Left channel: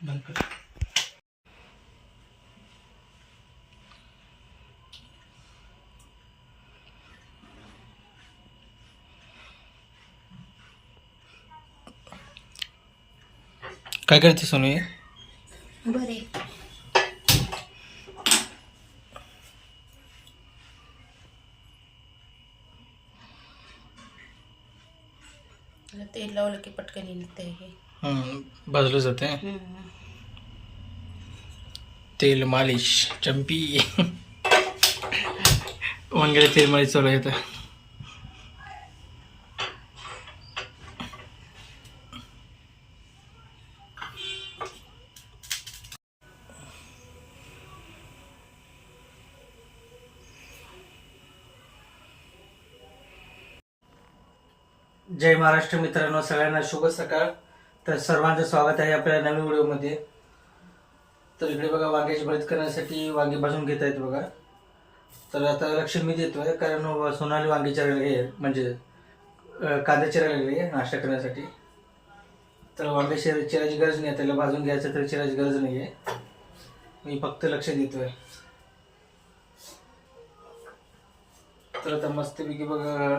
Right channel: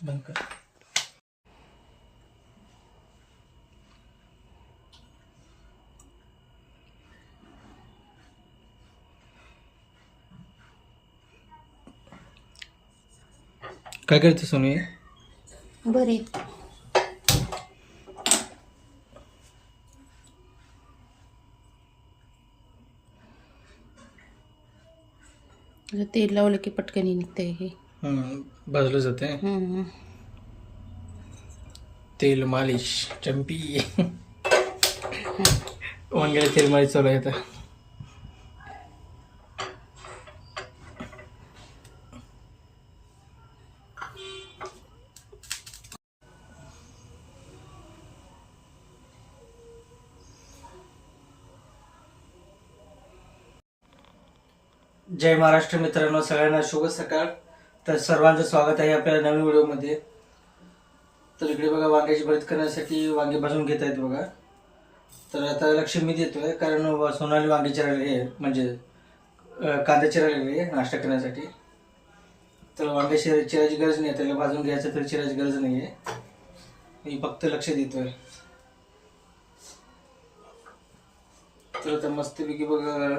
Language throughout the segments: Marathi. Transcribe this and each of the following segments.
बंद कर. काय करते सोनू? बरे तेल लावलं की पटकन निघते हे. भाजलं जाते. तेल मालिश चंपी. वांग्याला तेल मालिश चालू आहे आता. जय महाराष्ट्र मित्रांनो, सगळ्यांना शुभ सकाळ. तर सर्वांचं स्वागत आहे आपल्या नवीन व्हिडिओमध्ये. तर इकडे बघा, वांग्याची भरीत करण्यासाठी वांगे भाजून घेत आहेत बघा. तर आता लक्ष मी देतोय कारण सोनाली वांगी चिरायला आहे, म्हणजे कांदा चिरायला आहे नाश्ता करण्यासाठी. तर वांगे चिरायची गरज नाही, त्याला भाजून घ्यायचं तर चिरायची गरज नाही आहे. मी फक्त लक्ष देतोय. तर आता मस्तपैकी बघा,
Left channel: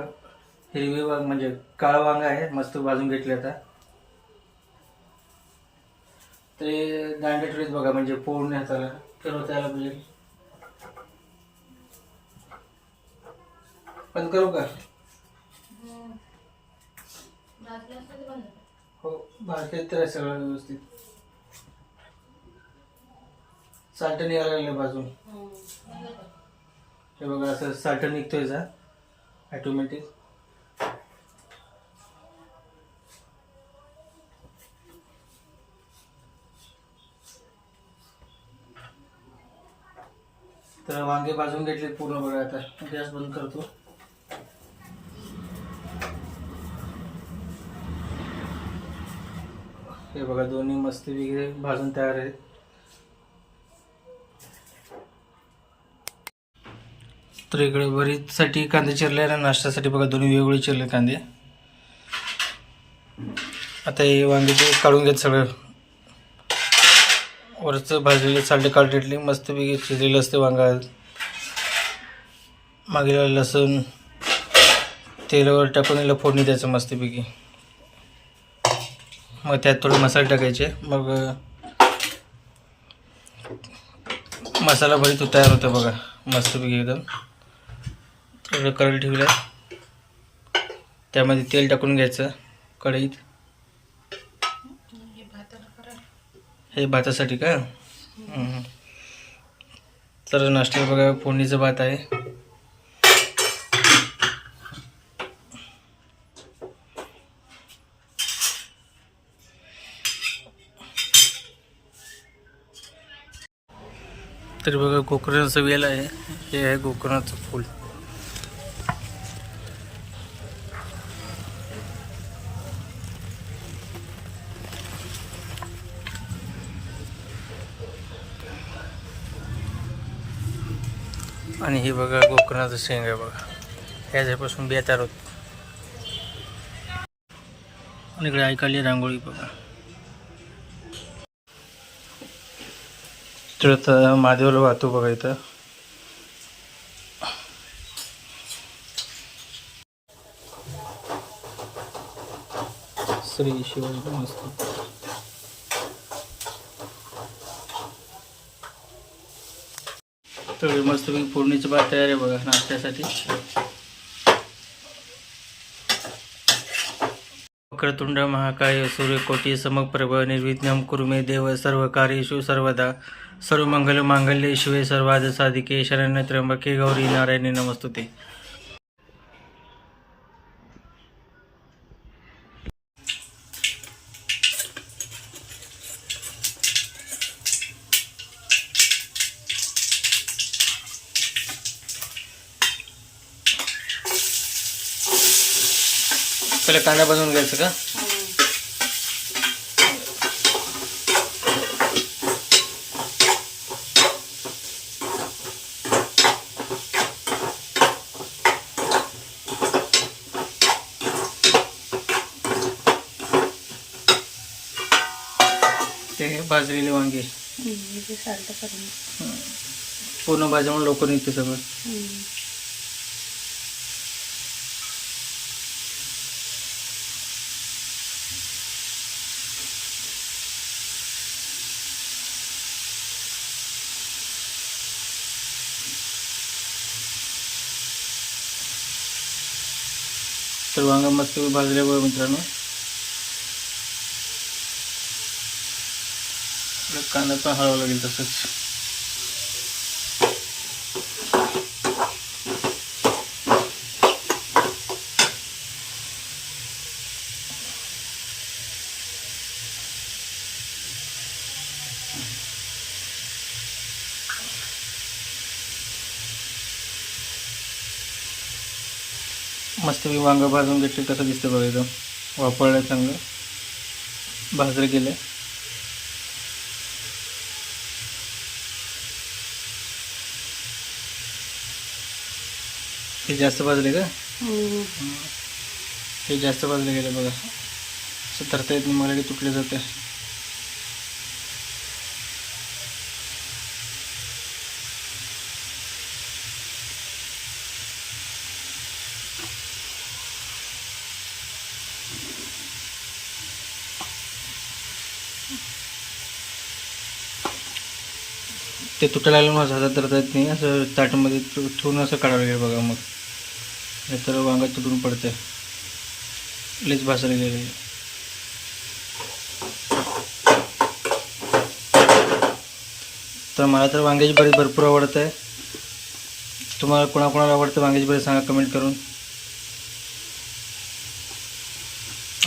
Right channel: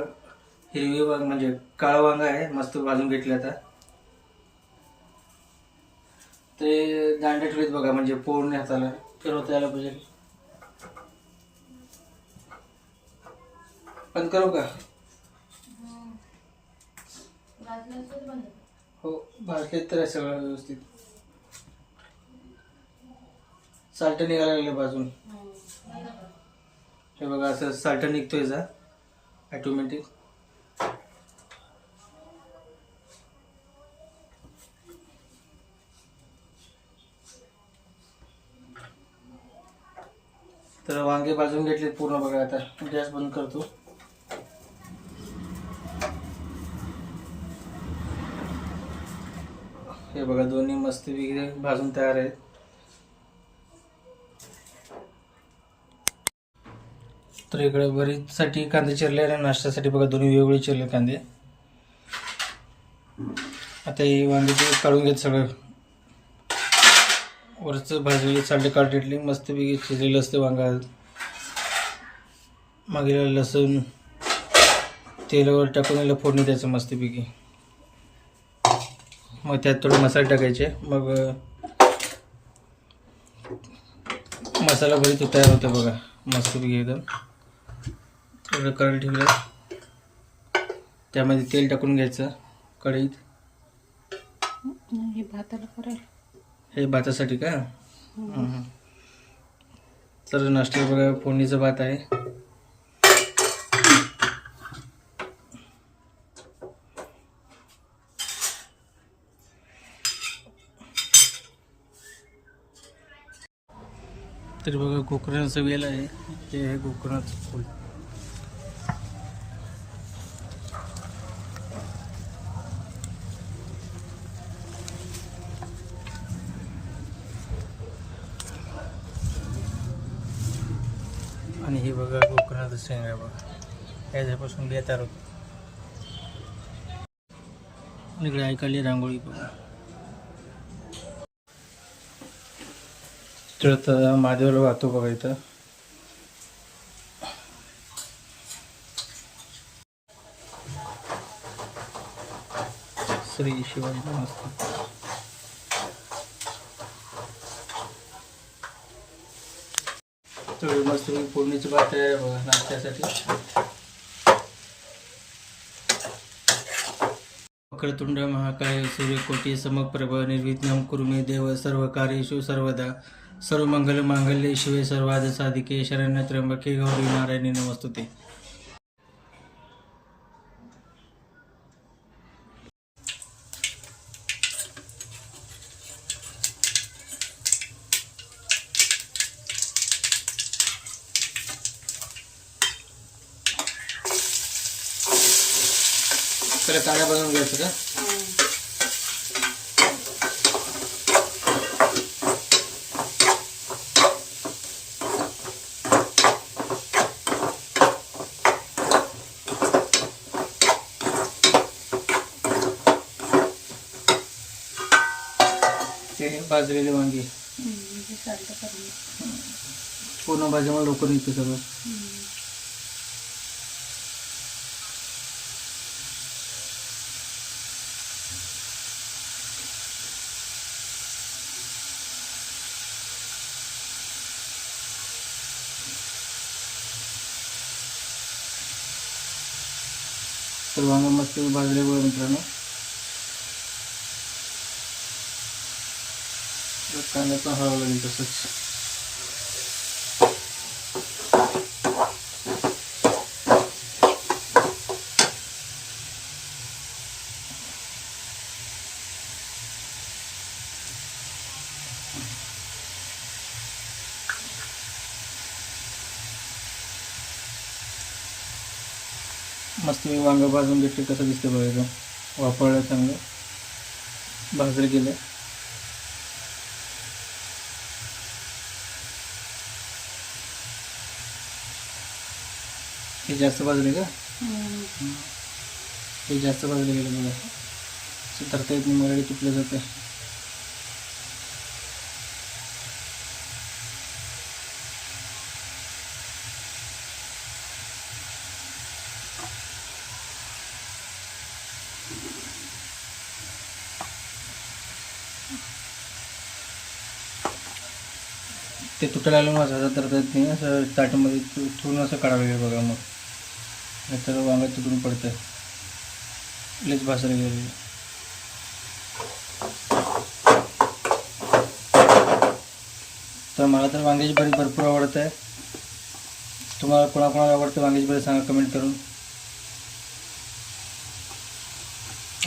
हिरवी वांग म्हणजे काळं वांग आहे, मस्त भाजून घेतले. आता ते दांडे ठेवलेत बघा, म्हणजे पोळणे हाताला फिरवता यायला पाहिजे. बंद करू का? हो, भाजले तर सगळं व्यवस्थित. साल्ट निघायला लागलं भाजून. हे बघा, असं साल्ट निघतोय जा ऑटोमॅटिक. तर वांगे भाजून घेतले पूर्ण बघा. आता गॅस बंद करतो. हे बघा, दोन्ही मस्त वगैरे भाजून तयार आहेत. तर इकडे भरीतसाठी कांदे चिरले आणि नाश्त्यासाठी बघा दोन्ही वेगवेगळे चिरले कांदे. आता हे वांगे ते काढून घेत, सगळं वरचं भाजलेले साल्ट काढले. मस्तपैकी शिजलेलं असते वांगा. मागेला लसूण तेलावर टाकून याला फोडणी द्यायचं मस्तपैकी. मग त्यात थोडे मसाले टाकायचे. मग मसाला भरीत तयार होतं बघा मस्तपैकी एकदम. थोडं कढई ठेवलं, त्यामध्ये तेल टाकून घ्यायचं कढईत. हे भातासाठी का? तर नाश्त्याला बघा फोडणीचा भात आहे. तर बघा, गोकर्णाचं वेल आहे. हे आहे गोकर्णाचं फूल. आणि हे बघा गोकर्णाचं शेंग आहे बघा. ह्याच्यापासून बिया तयार होत. आणि इकडे ऐकाली रांगोळी बघा. तर आता महादेवाला वाहतो बघा इथं. श्री शिवाजी नमस्ते. तर मस्तपैकी फोडणीचं भात तयार आहे बघा नाश्त्यासाठी. वक्रतुंड महाकाय सूर्यकोटी समप्रभ निर्विघ्नं कुरु मे देव सर्वकार्येषु सर्वदा. सर्वमंगल मांगल्ये शिवे सर्वार्थ साधिके शरण्ये त्र्यंबके गौरी नारायणी नमस्तुते. पहिला कांदा भाजून घ्यायचं का? ते हे भाजलेले वांगे हे साल्ट करून पूर्ण भाज्यामुळे लवकर निघते सगळं. तर वांगा मस्त भाजले बघा मित्रांनो. कांदा पण हळवा लागेल तसंच. मस्त मी वांगा भाजून घेतले. कसं दिसतं बघा एकदम वापरलं चांगलं भाजलं गेलं. हे जास्त भाजले का? हे जास्त भाजले गेले बघा. असं धरता येत नाही मला की तुटले जाते. ते तुटायला लागलं माझं हातात धरता येत नाही. असं ताटामध्ये ठेवून असं काढावं लागेल बघा. मग नाहीतर वांगा तुटून पडतंय. लईच भाजायला गेले. तर मला तर वांग्याची भरीत भरपूर आवडत आहे. तुम्हाला कोणाकोणाला आवडतं वांग्याची भरीत सांगा कमेंट करून.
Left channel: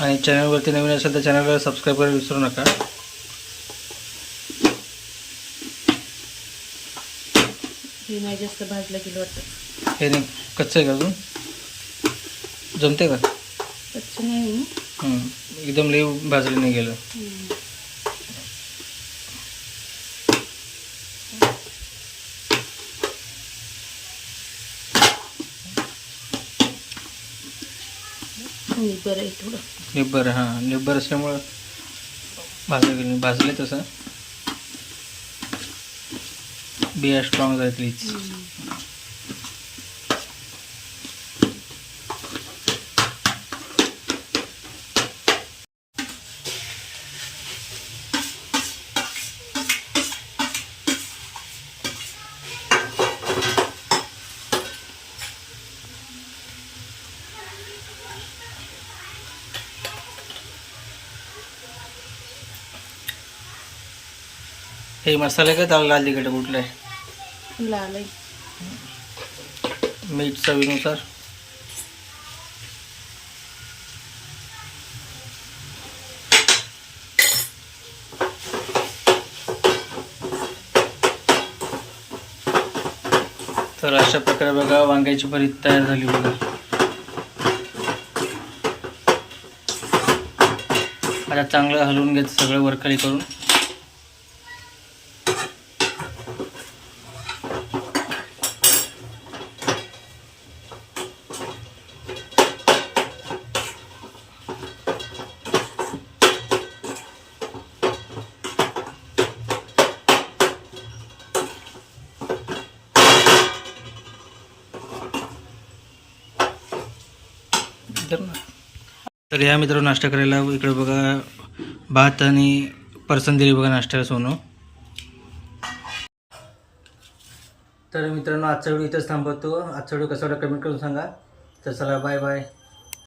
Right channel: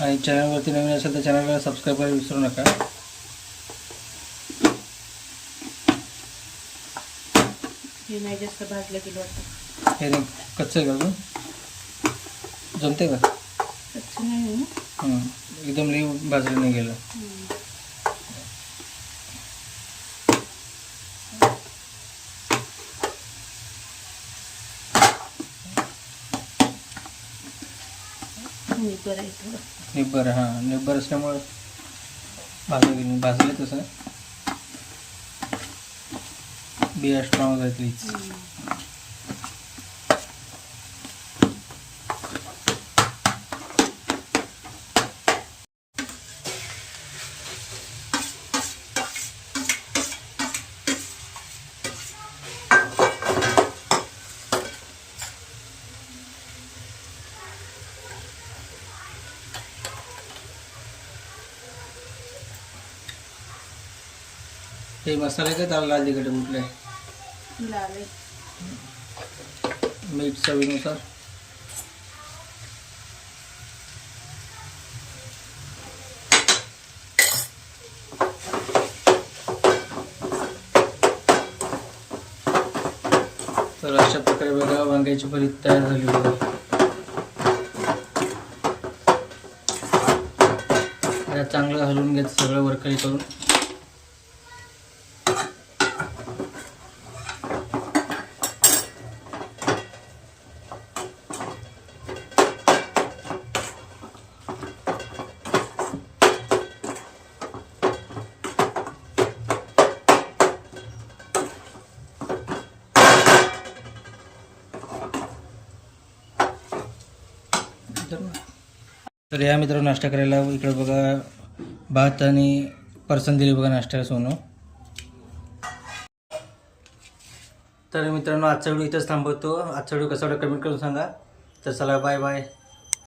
आणि चॅनलवरती नवीन असेल तर चॅनलला सबस्क्राईब करायला विसरू नका. हे नाही जास्त भाजलं गेलं वाटतं. हे नाही कच्चं आहे का अजून? जमते का? कच्चं नाही ना. एकदम लई भाजलं नाही गेलं. निब्बर आहे थोडं. निब्बर, हां निब्बर असल्यामुळं भाजले तसं. बिया स्ट्रॉंग आहेत प्लीज. हे मसाले का त्याला लाल तिखट कुठलं आहे? लाल आहे. मीठ चवीनुसार. तर अशा प्रकारे बघा वांग्याची भरीत तयार झाली बघा. आता चांगलं हलवून घ्यायचं सगळं वरखाली करून. तर या मित्रांनो नाश्ता करायला इकडे बघा भात आणि परसन दिली बघा नाश्त्याला सोनं. तर मित्रांनो आजचा व्हिडिओ इथंच थांबवतो. आजचा व्हिडिओ कसा वाटला कमेंट करून सांगा. तर चला बाय बाय.